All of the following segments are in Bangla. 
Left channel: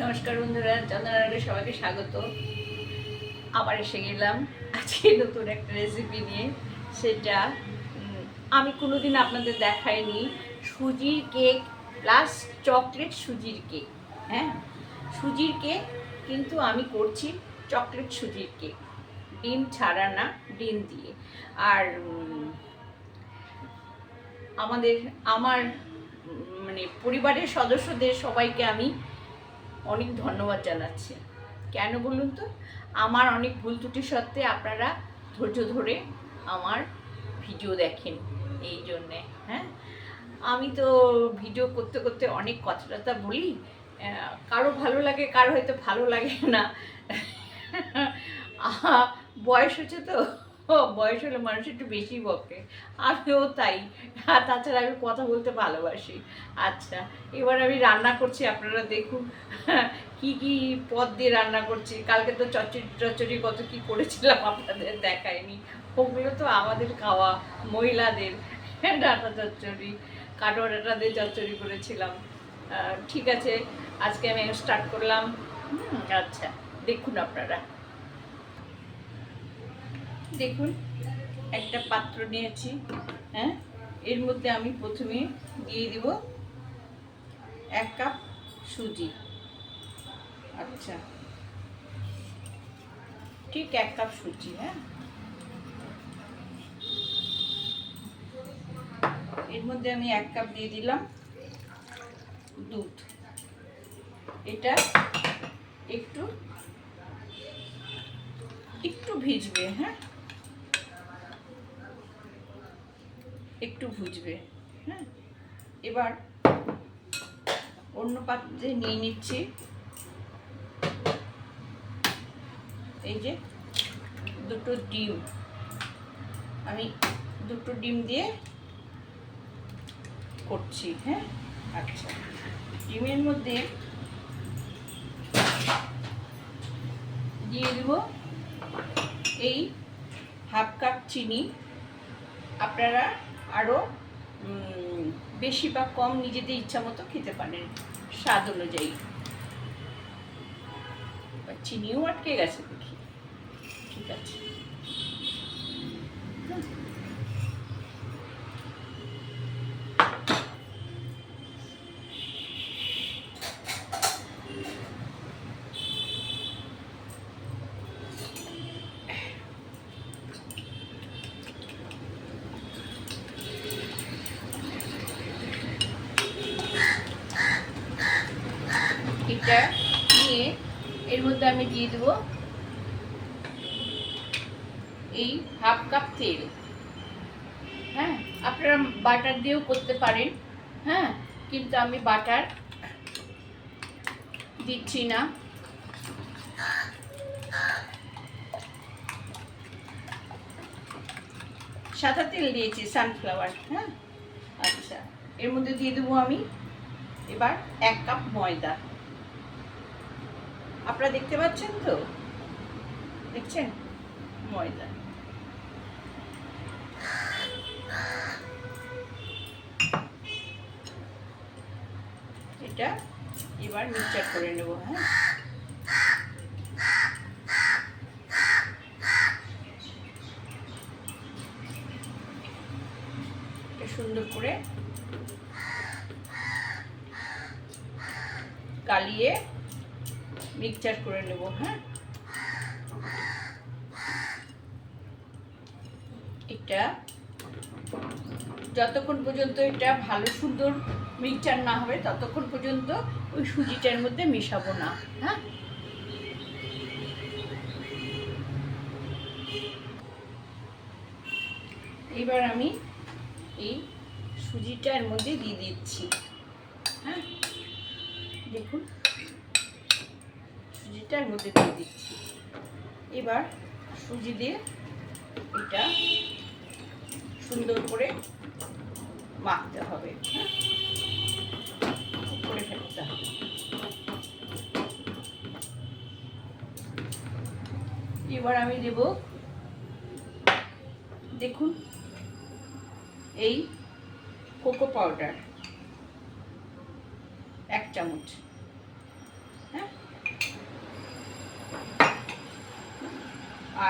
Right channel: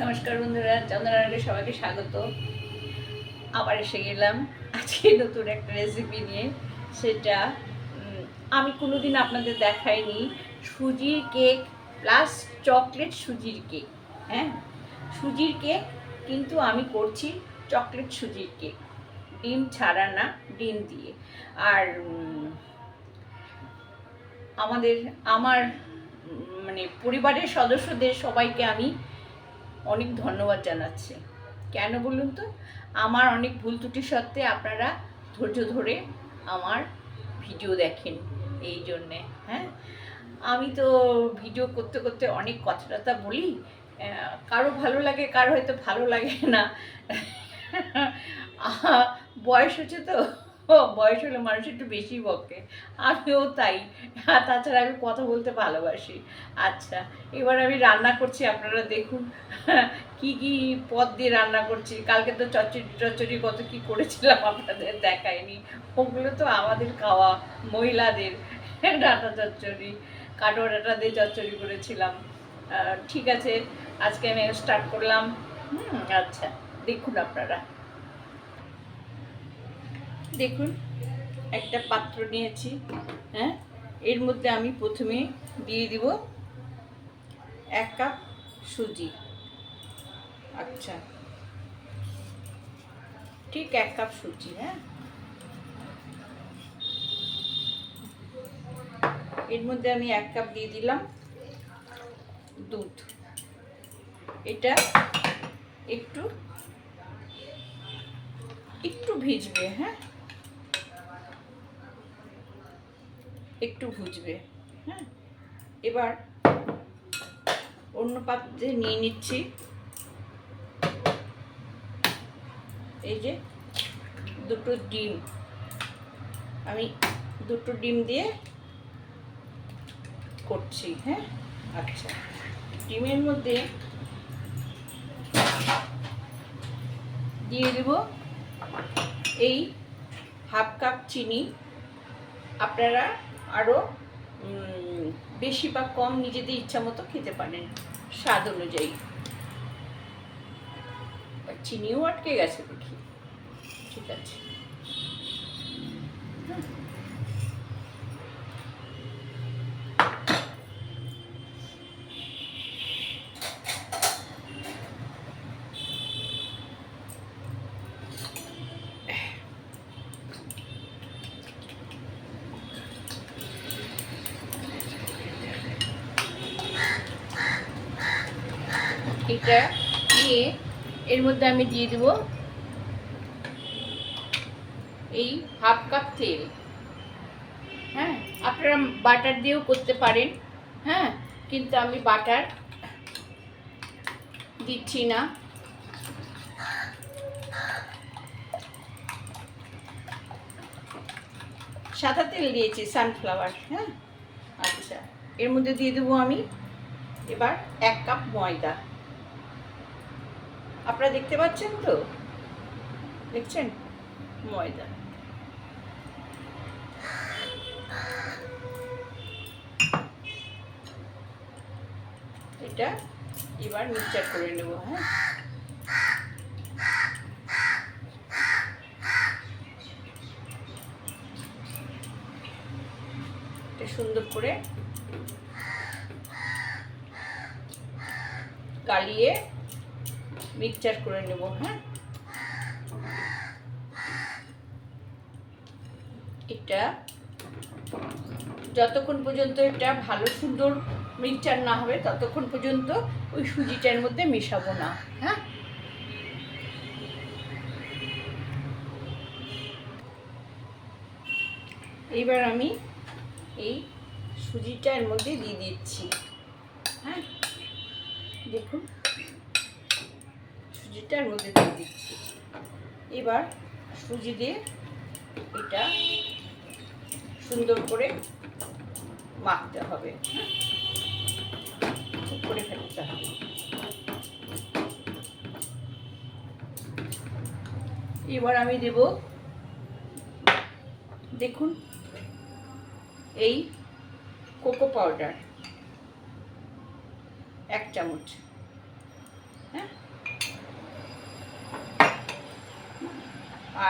নমস্কার বন্ধুরা চন্দ্রনারায়ণকে সবাইকে স্বাগত। আবার এসে গেলাম আজকে নতুন একটা রেসিপি নিয়ে। সেটা আমি কোনোদিন আপনাদের দেখাইনি। সুজির কেক প্লাস চকলেট সুজির কেক হ্যাঁ? সুজির কেক কিন্তু আমি করছি চকলেট সুজির কেক ডিম ছাড়া না, ডিম দিয়ে। আর আমাদের, আমার মানে পরিবারের সদস্যদের সবাইকে আমি অনেক ধন্যবাদ জানাচ্ছি। কেন বলুন তো? আমার অনেক ভুল ত্রুটি সত্ত্বে আপনারা ধৈর্য ধরে আমার ভিডিও দেখেন এই জন্যে হ্যাঁ? আমি তো ভিডিও করতে করতে অনেক কথা টথা বলি কারও ভালো লাগে, কারও হয়তো ভালো লাগে না। বয়স হচ্ছে তো। বয়স হলে মানুষ একটু বেশি বকে। আমিও তাই। আর তাছাড়া আমি কথা বলতে ভালোবাসি। আচ্ছা এবার আমি রান্না করছি, আপনারা দেখুন। কি কি পদ দিয়ে রান্না করছি? কালকে তো চচ্চড়ি চচ্চড়ি কত কি করেছিলাম আপনাদের দেখায়নি। ওগুলো তো আমাদের খাওয়া, মহিলাদের। ডাটা চচ্চড়ি কাটো ডাটা দিয়ে চচ্চড়ি করেছিলাম। ঠিক আছে, আজকে আমি স্টার্ট করলাম। আচ্ছা দেখুন আপনারা। দেখুন, একটা পাত্র নিয়েছি হ্যাঁ? এর মধ্যে আমি প্রথমে দিয়ে দিব এক কাপ সুজি। আচ্ছা। ঠিক এক কাপ সুজি হ্যাঁ? এর মধ্যে আমি এক কাপ দিয়ে দিলাম দুধ। এটা একটু একটু ভিজবে হ্যাঁ? একটু ভুজবে হ্যাঁ? এবার অন্য পাত্রে নিয়ে নিচ্ছি। এই যে দুটো ডিম। আমি দুটো ডিম দিয়ে করছি হ্যাঁ? আচ্ছা। ডিমের মধ্যে দিয়ে দেব এই হাফ কাপ চিনি। আপনারা আরও বেশি বা কম নিজেদের ইচ্ছা মতো খেতে পারেন। স্বাদ অনুযায়ী। চিনিও আটকে গেছে দেখি। ঠিক আছে। এটা নিয়ে এর মধ্যে আমি দিয়ে দেব এই হাফ কাপ তেল। হ্যাঁ আপনারা বাটার দিয়েও করতে পারেন। হ্যাঁ কিন্তু আমি বাটার দিচ্ছি না। সাদা তেল দিয়েছি সানফ্লাওয়ার হ্যাঁ? আচ্ছা এর মধ্যে দিয়ে দেবো আমি এবার এক কাপ ময়দা। আপনারা দেখতে পাচ্ছেন তো? দেখছেন? ময়দা এটা এবার মিক্সচার করে নেব হ্যাঁ? সুন্দর করে গালিয়ে মিক্সচার করে নেব হ্যাঁ? এটা যতক্ষণ পর্যন্ত এটা ভালো, সুন্দর মিক্সচার না হবে, ততক্ষণ পর্যন্ত ওই সুজিটার মধ্যে মিশাবো না হ্যাঁ? এইবার আমি এই সুজিটার মধ্যে দিয়ে দিচ্ছি হ্যাঁ? দেখুন। সুজিটার মধ্যে দিয়ে দিচ্ছি। এবার সুজি দিয়ে এটা সুন্দর করে মাখতে হবে হ্যাঁ? করে ফেলতে হবে। এবার আমি দেব, দেখুন, এই কোকো পাউডার, এক চামচ।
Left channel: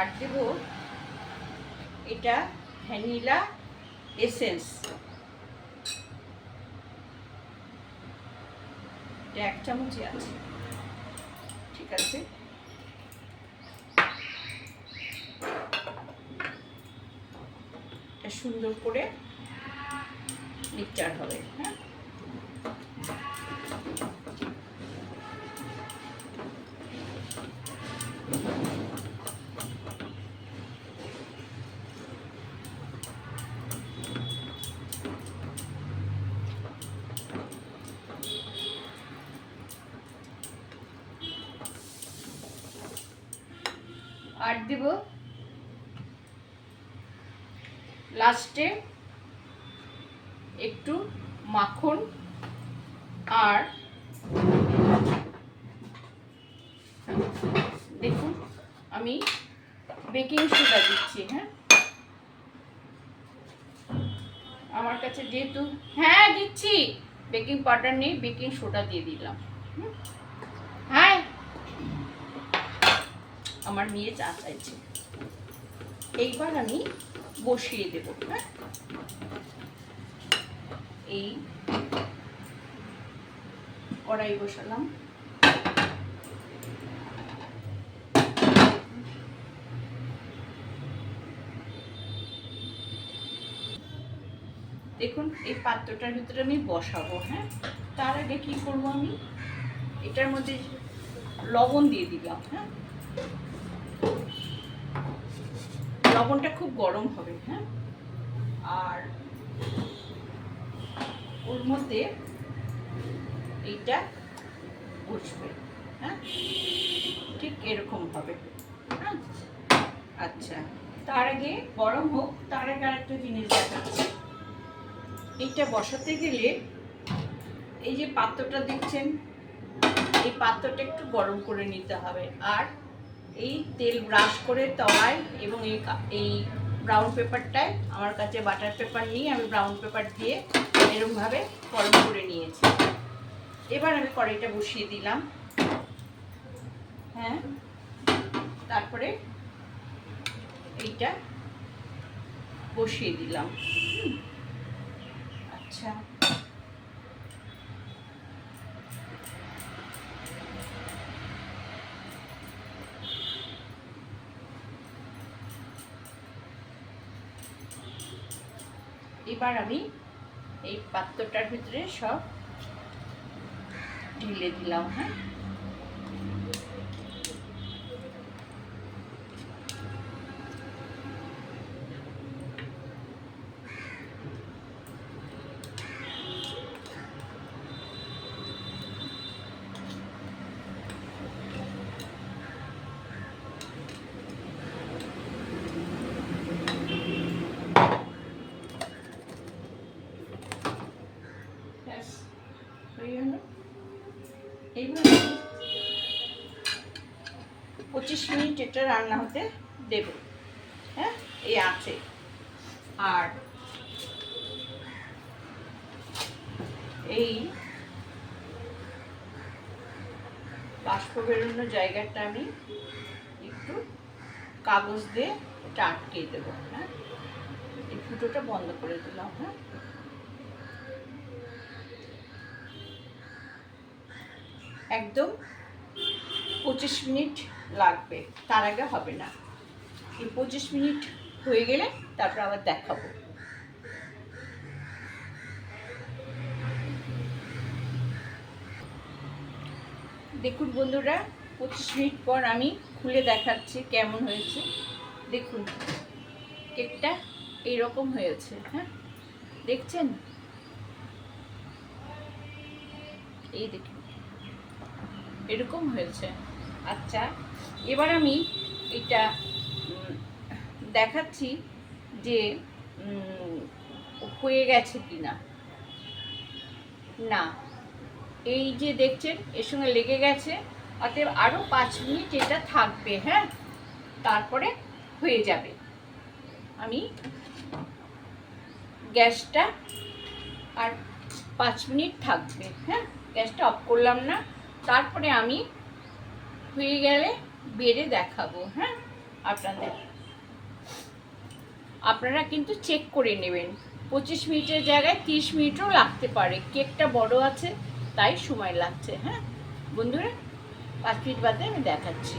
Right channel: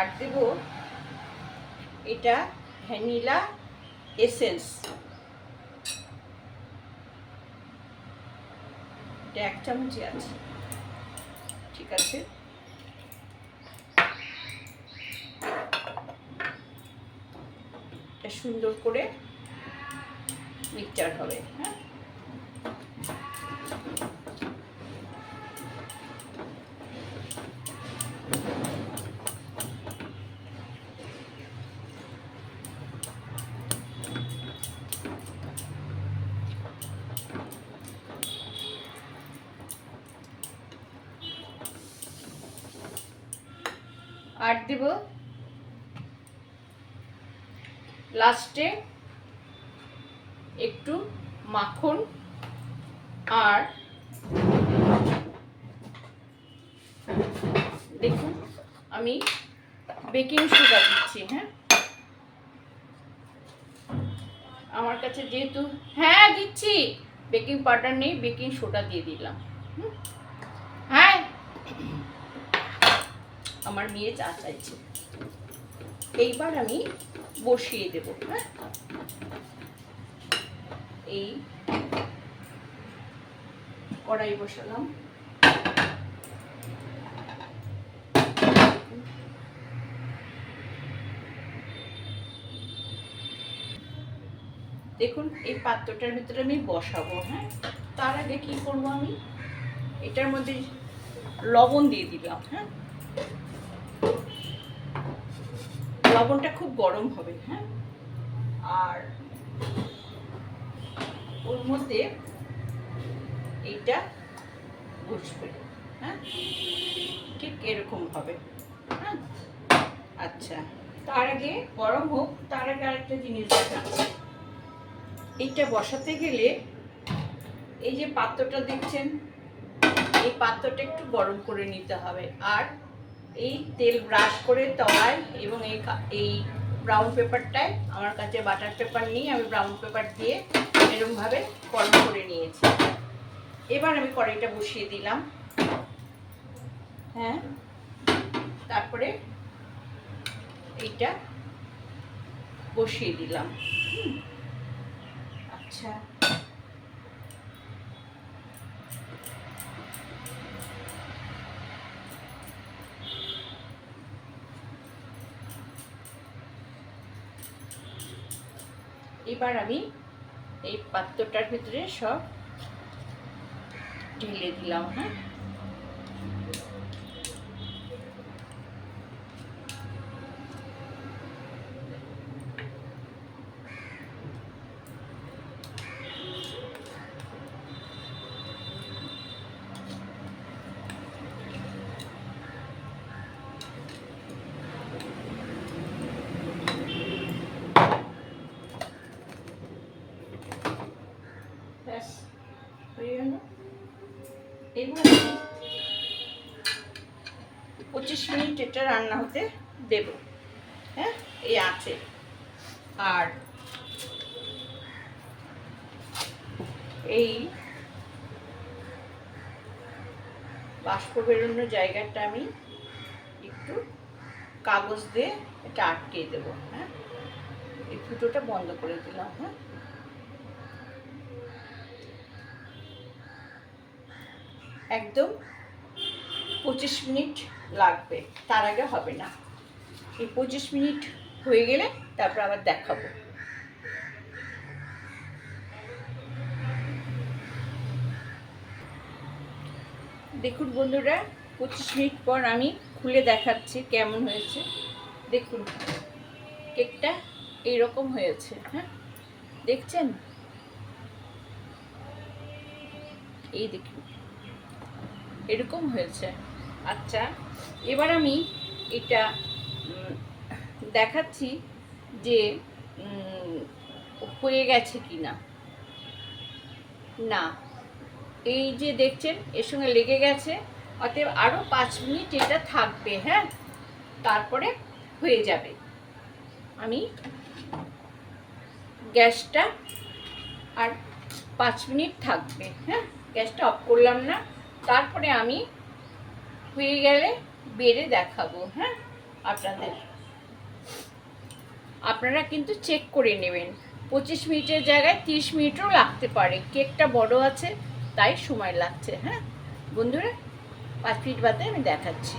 আর দেব এটা ভ্যানিলা এসেন্স। এটা এক চামচই আছে। ঠিক আছে। এটা সুন্দর করে মিক্সচার হবে হ্যাঁ আর দেব লাস্টে একটু মাখন আর দেখুন, আমি বেকিং সোডা দিচ্ছি হ্যাঁ? আমার কাছে যেহেতু হ্যাঁ দিচ্ছি। বেকিং পাউডার নেই বেকিং সোডা দিয়ে দিলাম হ্যাঁ? আমার মেয়ে চা চাইছে। এইবার আমি বসিয়ে দেব হ্যাঁ? এই কড়াই বসালাম। দেখুন, এই পাত্রটার ভিতরে আমি বসাবো হ্যাঁ? তার আগে কি করব আমি? এটার মধ্যে লবণ দিয়ে দিলাম হ্যাঁ? লবণটা খুব গরম হবে হ্যাঁ? আর ওর মধ্যে এইটা বসবে হ্যাঁ? ঠিক এরকম হবে হ্যাঁ? আচ্ছা তার আগে গরম হোক, তার আগে আরেকটা জিনিস দেখাচ্ছি। এইটা বসাতে গেলে এই যে পাত্রটা দেখছেন, এই পাত্রটা একটু গরম করে নিতে হবে। আর এই তেল ব্রাশ করে তলায় এবং এই ব্রাউন পেপারটায় আমার কাছে বাটার পেপার নিয়ে আমি ব্রাউন পেপার দিয়ে এরমভাবে গরম করে নিয়েছি। এবার আমি কড়াইটা বসিয়ে দিলাম। হ্যাঁ? তারপরে এইটা বসিয়ে দিলাম। আচ্ছা। এবার আমি এই পাত্রটার ভিতরে সব ঢেলে দিলাম হ্যাঁ? এটা রান্না হতে দেব। হ্যাঁ এই আছে। আর এই বাষ্প বেরোনোর জায়গাটা আমি একটু কাগজ দিয়ে এটা আটকে দেবো হ্যাঁ? এই ফুটোটা বন্ধ করে দিলাম হ্যাঁ? একদম পঁচিশ মিনিট লাগবে। তার আগে হবে না। এই পঁচিশ মিনিট হয়ে গেলে তারপর আবার দেখাবো। দেখুন বন্ধুরা, পঁচিশ মিনিট পর আমি খুলে দেখাচ্ছি কেমন হয়েছে। দেখুন, কেকটা এইরকম হয়েছে হ্যাঁ? দেখছেন? এই দেখুন, এরকম হয়েছে। আচ্ছা এবার আমি এটা দেখাচ্ছি যে হয়ে গেছে কি না না এই যে দেখছেন, এর সঙ্গে লেগে গেছে, অতএব আরও পাঁচ মিনিট এটা থাকবে হ্যাঁ? তারপরে হয়ে যাবে। আমি গ্যাসটা আর পাঁচ মিনিট থাকবে হ্যাঁ? গ্যাসটা অফ করলাম না, তারপরে আমি হয়ে গেলে বেড়ে দেখাবো হ্যাঁ? আপনাদের। আপনারা কিন্তু চেক করে নেবেন। পঁচিশ মিনিটের জায়গায় তিরিশ মিনিটও লাগতে পারে। কেকটা বড় আছে, তাই সময় লাগছে হ্যাঁ? বন্ধুরা, পাঁচ মিনিট বাদে আমি দেখাচ্ছি।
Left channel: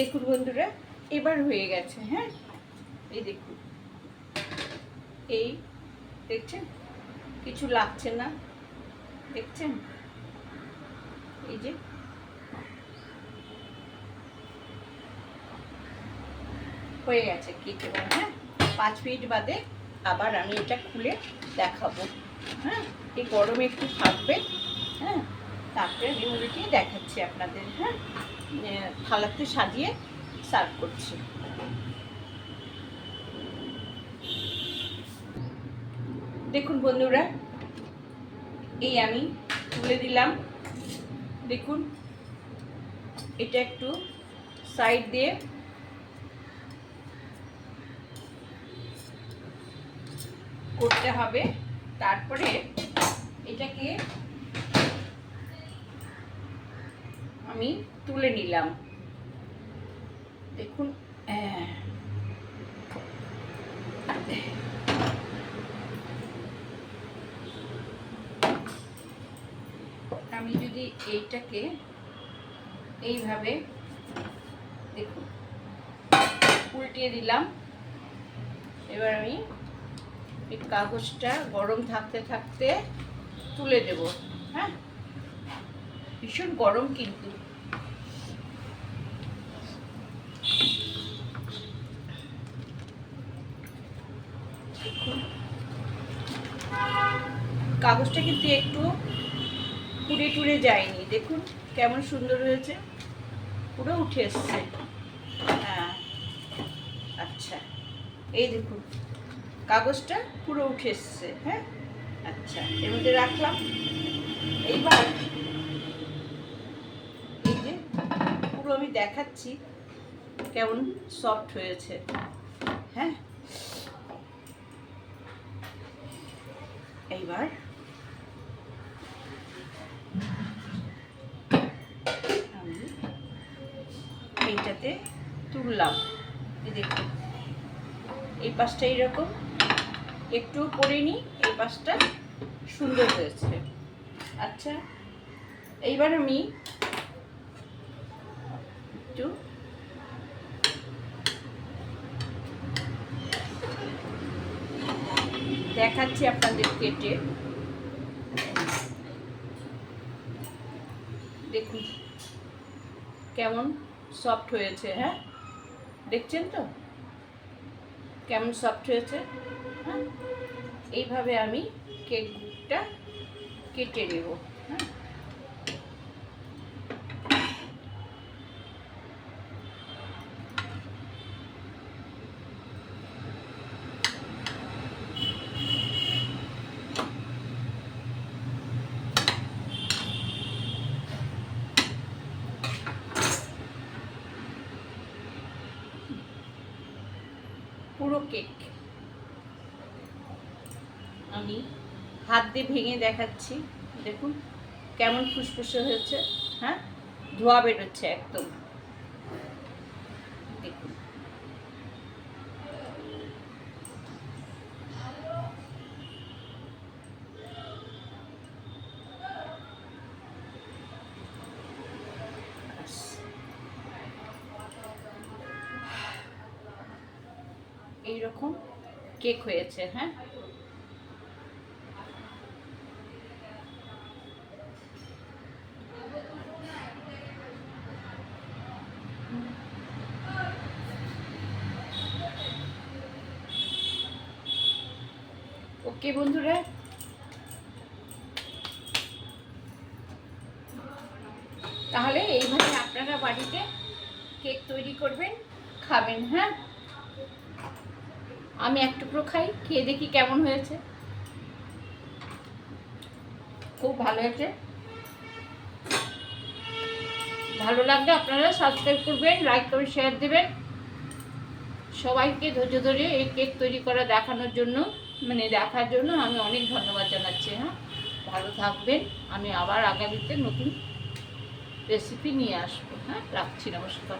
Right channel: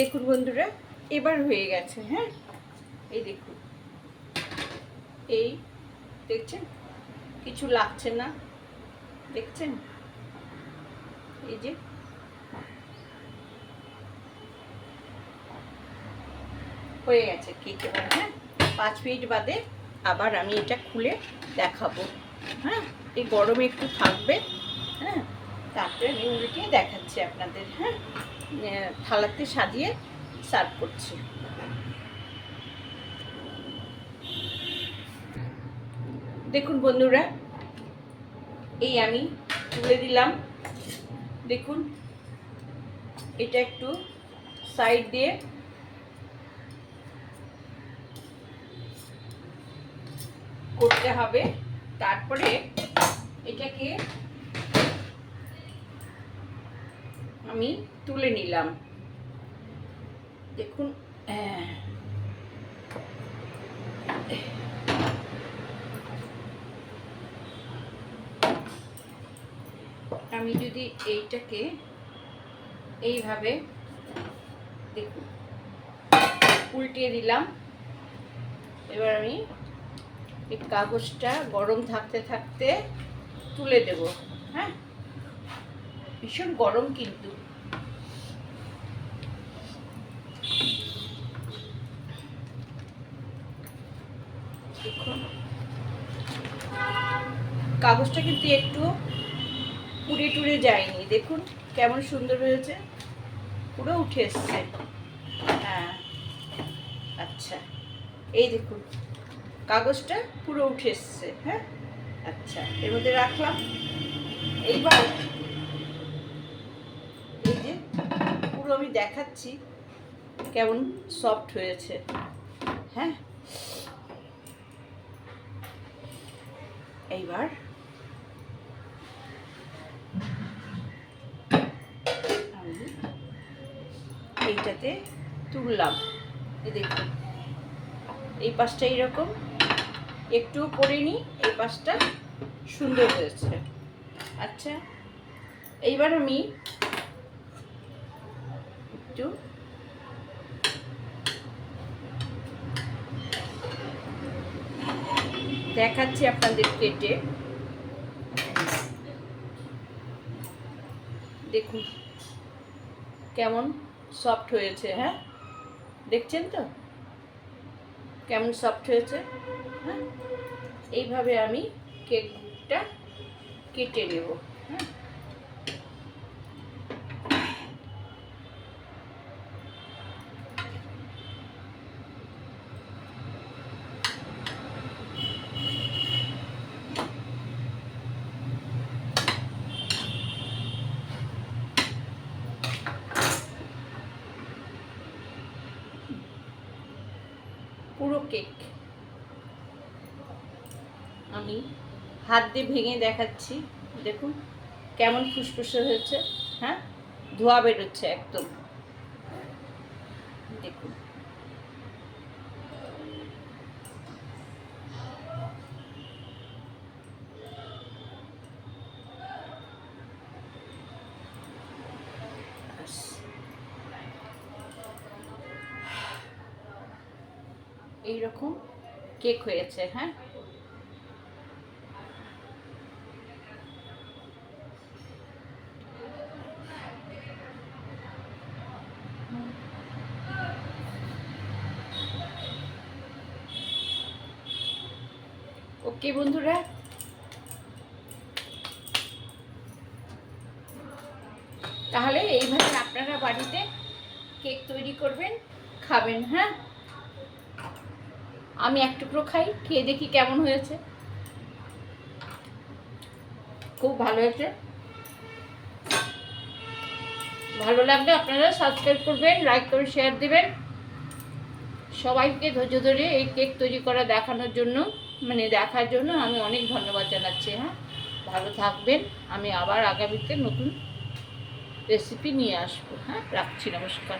দেখুন বন্ধুরা, এবার হয়ে গেছে হ্যাঁ? এই দেখুন। এই, দেখছেন? কিছু লাগছে না, দেখছেন? এই যে। হয়ে গেছে কেক এবার হ্যাঁ? পাঁচ মিনিট বাদে আবার আমি এটা খুলে দেখাবো হ্যাঁ? এই গরমে একটু থাকবে হ্যাঁ? তারপরে আমি উল্টিয়ে দেখাচ্ছি আপনাদের হ্যাঁ? থালাতে সাজিয়ে সার্ভ করছি। দেখুন বন্ধুরা, এই আমি তুলে দিলাম। দেখুন, এটা একটু সাইড দিয়ে করতে হবে। তারপরে এটাকে আমি তুলে নিলাম। দেখুন আমি যদি এইটাকে এইভাবে দেখুন, উল্টিয়ে দিলাম। এবার আমি এই কাগজটা গরম থাকতে থাকতে তুলে দেব হ্যাঁ? ভীষণ গরম কিন্তু। কাগজটা কিন্তু একটু পুড়ে টুড়ে যায়নি। দেখুন কেমন সুন্দর হয়েছে। পুরো উঠে এসছে। হ্যাঁ। আচ্ছা। এই দেখুন, কাগজটা পুরো উঠে এসছে। হ্যাঁ। আচ্ছা এর মধ্যে রাখলাম। এইবার এই যে পুরো আমি দেখাচ্ছি কেমন সফট হয়েছে। হ্যাঁ? এইবার। আমি এইটাতে তুললাম। দেখুন। এই পাশটা এইরকম। একটু পরিনি এই পাশটা সুন্দর হয়েছে। আচ্ছা এইবার আমি একটু। দেখাচ্ছি আপনাদের কেটে। দেখুন কেমন সফট হয়েছে হ্যাঁ? দেখছেন তো? কেমন সফট হয়েছে হ্যাঁ? এইভাবে আমি কেকটা কেটে নেব হ্যাঁ পুরো কেক আমি হাত দিয়ে ভেঙে দেখাচ্ছি। দেখুন, কেমন ফুসফুসে হয়েছে হ্যাঁ? ধোয়া বেরোচ্ছে একদম। দেখুন। এইরকম কেক হয়েছে হ্যাঁ ওকে বন্ধুরা তাহলে এইভাবে আপনারা বাড়িতে কেক তৈরি করবেন, খাবেন হ্যাঁ? আমি এক টুকরো খাই, খেয়ে দেখি কেমন হয়েছে। খুব ভালো হয়েছে। ভালো লাগলে আপনারা সাবস্ক্রাইব করবেন লাইক করে শেয়ার দেবেন। সবাইকে ধৈর্য ধরে এই কেক তৈরি করা দেখানোর জন্য মানে দেখার জন্য আমি অনেক ধন্যবাদ জানাচ্ছি হ্যাঁ? ভালো থাকবেন। আমি আবার আগামীতে নতুন রেসিপি নিয়ে আসব হ্যাঁ? রাখছি নমস্কার।